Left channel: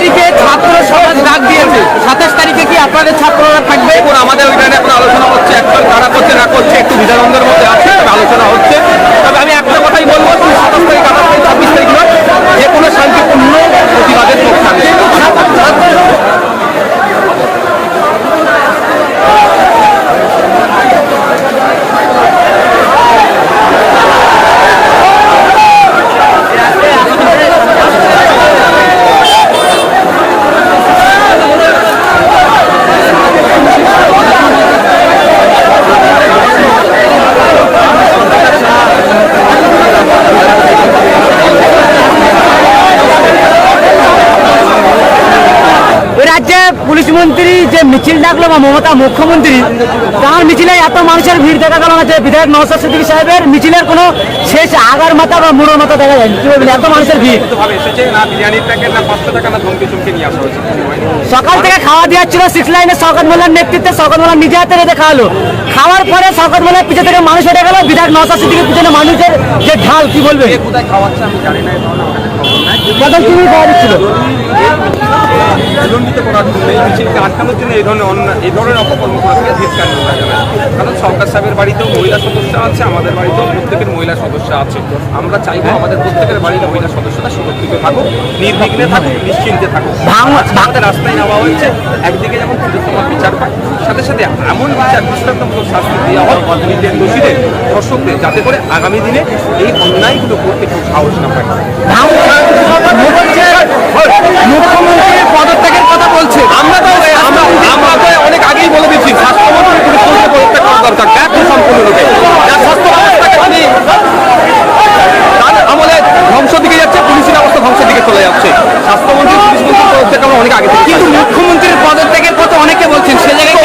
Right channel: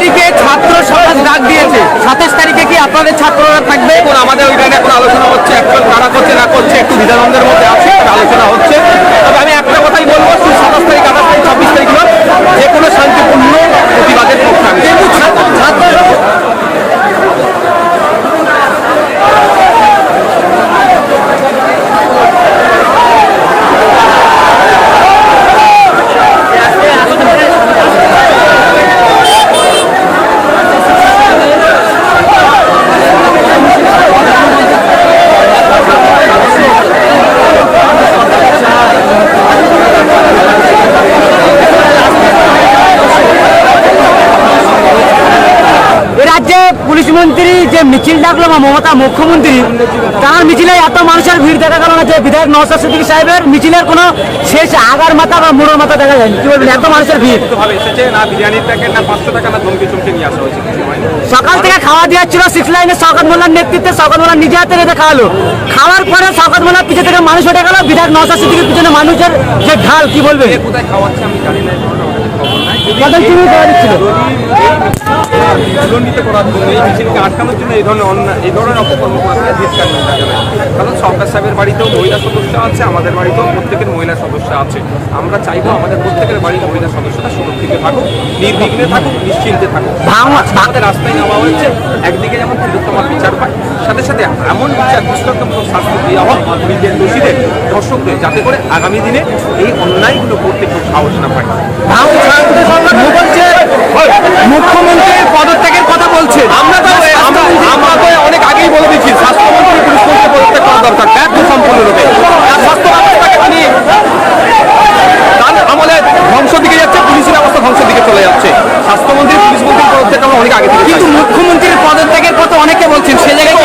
তারিখে ছাত্র সমাজ ডাক দিয়েছে, 27 তারিখে কি আপনাদের ছাত্ররা থাকবে? এখন আমাদের ওইটা নিয়ে এখন আলোচনা হচ্ছে, অ্যাকচুয়াল কারা করছে না করছে একটু দ্বিধাদ্বন্দ্বের মধ্যে আছে, তবে আলোচনা হচ্ছে। তবে আমি একটা কথাই বলবো, 27 তারিখ, 28 তারিখ, 26 তারিখ নয়, যে কোনো শান্তিপূর্ণ প্রতিবাদের পক্ষে আমি রাজ্যে পুলিশ মন্ত্রী যে মিছিল ডাকলো বা মমতা মুখ্যমন্ত্রী, তার মিছিলে এত মানুষের ভিড় দেখা গেল না যে বিধায়ক নওশাদ সিদ্দিকী সাহেবের মিছিলের কোনো শেষ আগার মাথা বা মুড়োর মাথা দেখা যায়নি। কি বলবেন, এত মানুষের ভিড়? এসেছে না বিরিয়ানির প্যাকেট, না 500 টাকা, না ধমকি চমকে নিয়ে আসা হয়েছে, কিছু হয়নি। সকাল থেকে খাওয়া দেওয়া ছিল 6 লাইনে শওকত মোল্লার নেতৃত্বে। শওকত মোল্লা নিজে হাতে রেঁধে খাওয়ালো। খাওয়ার পরে শওকত মোল্লার পিছনে থেকে মানুষ উঠে গেল, বিধায়ক নওশাদ সিদ্দিকীর পিছনে মানুষের যে ঢাল, কি বলবে? কোথায় খাওয়াচ্ছে আমি জানি না, এই ধরনের আমার কাছে খবর নাই। কি খাওয়া দিচ্ছিল? বিলম্বিত করার জন্য, এই মিছিলকে আটকানোর জন্য এই ধরনের অপকর্ম করাকে ধিক্কার নিন্দা জানাই। কারণ সরকার সাহেবের বাড়িতেও মহিলা সদস্য আছে, আমাদের বাড়িতেও প্রত্যেকের মহিলা সদস্য আছে। আমরা চাইবো আমাদের প্রত্যেকের বাড়ির মহিলা সদস্যরা সুরক্ষিত থাকুক, নির্বিঘ্নে থাকুক, নিশ্চিন্তে থাকুক। আমাদের রাস্তায় নেওয়া হয়েছে, একদিকে যেমন তিলোত্তমার বিচার পায়, সাথে সাথে এমন বিচার দৃষ্টান্তমূলক শাস্তি দেওয়া হোক পুলিশের দোষীদের, ধর্ষকদের, যাতে করে আগামী দিনে এই অন্যায়গুলো করতে কেউ সাহস না পায়। মুখ্যমন্ত্রী পদত্যাগের কথা বলছে। আমরা তো অনেক আগেই বলে দিচ্ছি, স্বাস্থ্যমন্ত্রী পুলিশ মন্ত্রী পদত্যাগ করা দরকার, ব্যর্থ সম্পূর্ণরূপে। আর স্বাস্থ্য ব্যবস্থাকে তিনি তার আমলে ধ্বংসের দিকে যাচ্ছে, পুলিশি ব্যবস্থা ধ্বংসের দিকে চলে যাচ্ছে। স্বাস্থ্যমন্ত্রী পুলিশ মন্ত্রীর পদত্যাগ আমরা অনেক আগে থেকে, কিন্তু মুখ্যমন্ত্রীর পদত্যাগের কথা অনেকে বলছেন, সে জায়গায়